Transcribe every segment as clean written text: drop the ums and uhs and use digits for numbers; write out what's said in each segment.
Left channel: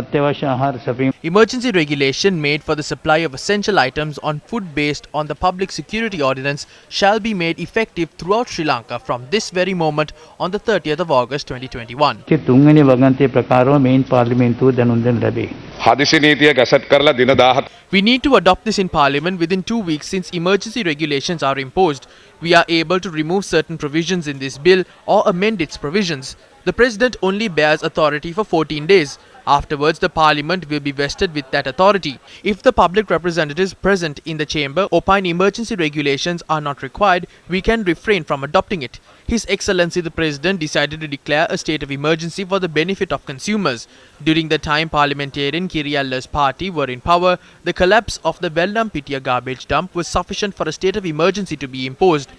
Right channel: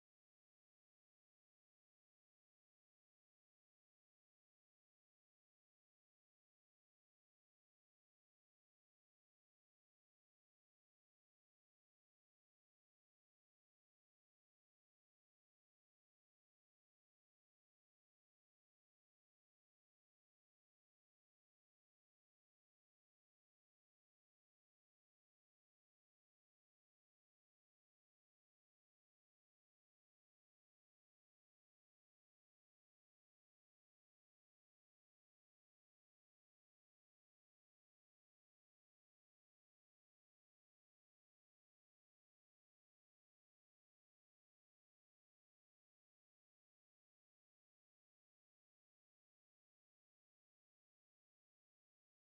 අත්‍යවශ්‍ය ආහාර සැපීම. Emergency regulation made for the supply of essential items on food based on the Public Security Ordinance shall be made effective throughout Sri Lanka from this very moment on the 30th of August 2021. තුන්වෙනි වගන්තිය ප්‍රකාරව මේන් පාර්ලිමේන්තුව දැනුම් දෙන්න ලැබේ. හදිසි නීතිය gazette කරලා දින 17 We need to adopt this in Parliament within 2 weeks since emergency regulations are imposed. We are able to remove certain provisions in this bill or amend its provisions. The President only bears authority for 14 days. Afterwards, the Parliament will be vested with that authority. If the public representatives present in the chamber opine emergency regulations are not required, we can refrain from adopting it. His Excellency the President decided to declare a state of emergency for the benefit of consumers. During the time parliamentarian Kirialla's party were in power, the collapse of the Vellampitia garbage dump was sufficient for a state of emergency to be imposed.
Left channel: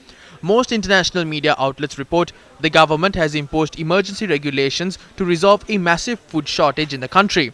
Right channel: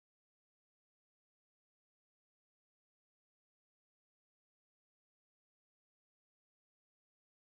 Most international media outlets report the government has imposed emergency regulations to resolve a massive food shortage in the country.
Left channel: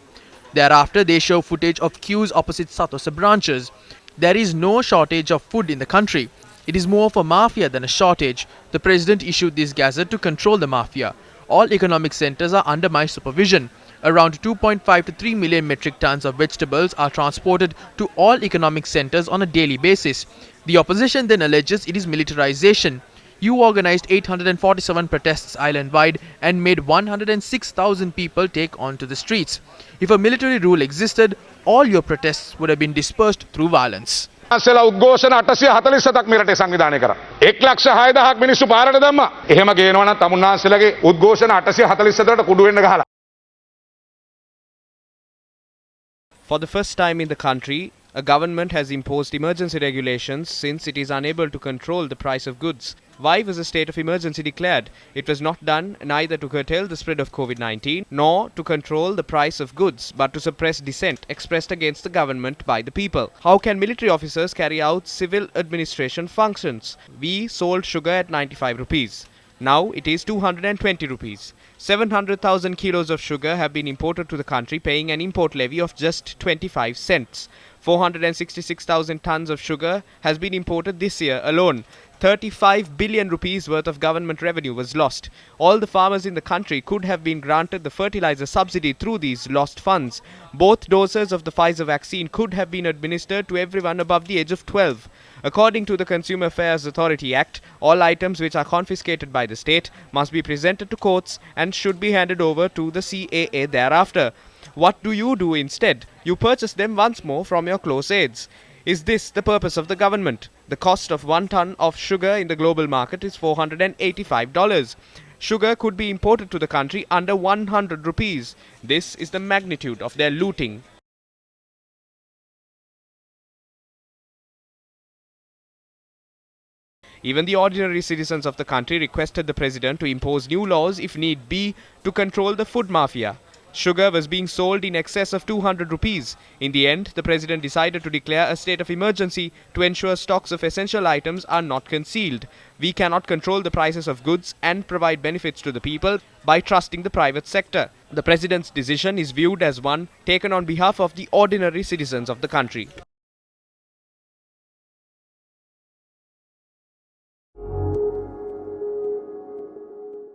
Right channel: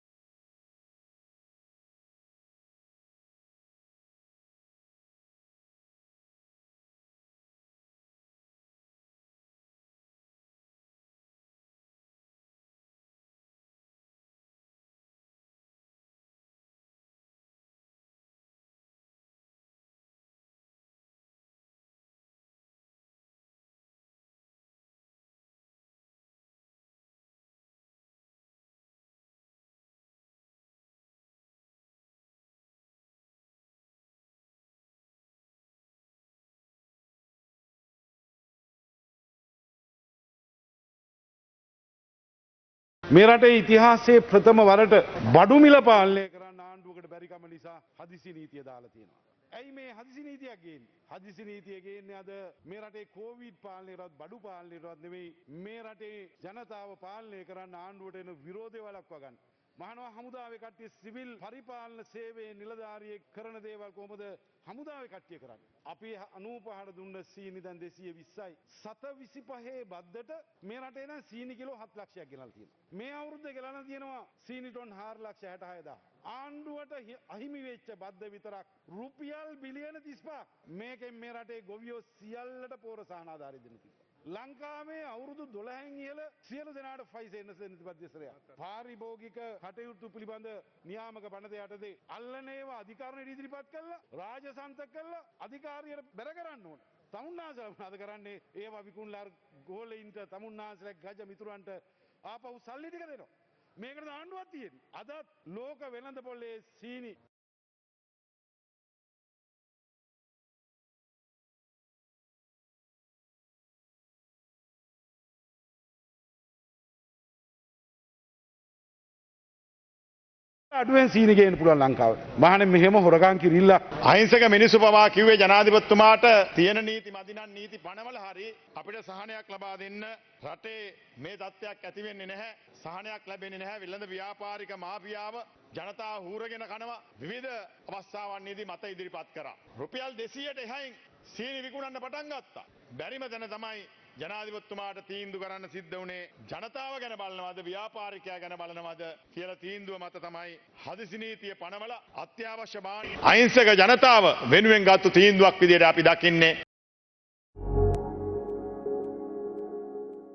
Thereafter, they show footage of queues opposite Satosa branches. There is no shortage of food in the country. It is more of a mafia than a shortage. The President issued this gazette to control the mafia. All economic centers are under my supervision. Around 2.5 to 3 million metric tons of vegetables are transported to all economic centers on a daily basis. The opposition then alleges it is militarization. You organized 847 protests island-wide and made 106,000 people take onto the streets. If a military rule existed, all your protests would have been dispersed through violence. අසල උද්ඝෝෂණ 847ක් මෙරටේ සංවිධානය කරා. 1,06,000ක් මිනිස්සු පාරට දැම්මා. එහෙම ගේනවා නම් තමුන්නාන්සේලාගේ උද්ඝෝෂණ 847ට කුඩු වෙන්න ගහලා. මේ රටේ ඉතිහාසයේ ප්‍රථම වරට බඩු මිල පාලනය. For the first time in the country, a government has imposed emergency regulations since it is unable to control the price of goods. Why was a state of emergency declared? It was not done neither to curtail the spread of COVID-19 nor to control the price of goods, but to suppress dissent expressed against the government by the people. How can military officers carry out civil administration functions? We sold sugar at 95 rupees. Now it is 220 rupees. 700,000 kilos of sugar have been imported to the country, paying an import levy of just 25 cents. 466,000 tons of sugar has been imported this year alone. 35 billion rupees worth of government revenue was lost. All the farmers in the country could have been granted the fertilizer subsidy through these lost funds. Both doses of the Pfizer vaccine could have been administered to everyone above the age of 12. According to the Consumer Affairs Authority Act, all items which are confiscated by the state must be presented to courts and should be handed over to the CAA thereafter. What do you do instead? You purchase them once more from your close aides. Is this the purpose of the government? The cost of 1 ton of sugar in the global market is $485. Sugar could be imported to the country under 100 rupees. This is the magnitude of their looting. අඩුවෙන් සීනි ගේන්න පුළුවන් ලංකාවට. මහණෙනි මෙහෙම හොරගම් කිරිල්ලක්. අහිංසක මිනිස්සු පවා කිව්වේ ජනාධිපතිතුමාට තියෙන නීති. Even the ordinary citizens of the country requested the president to impose new laws if need be to control the food mafia. Sugar was being sold in excess of 200 rupees. In the end, the president decided to declare a state of emergency to ensure stocks of essential items are not concealed. We cannot control the prices of goods and provide benefits to the people by trusting the private sector. The president's decision is viewed as one taken on behalf of the ordinary citizens of the country. අහිංසක ජනතාව වෙනුවෙන් ගත්තු තීන්දුවක් විදියට අපි දකින්නේ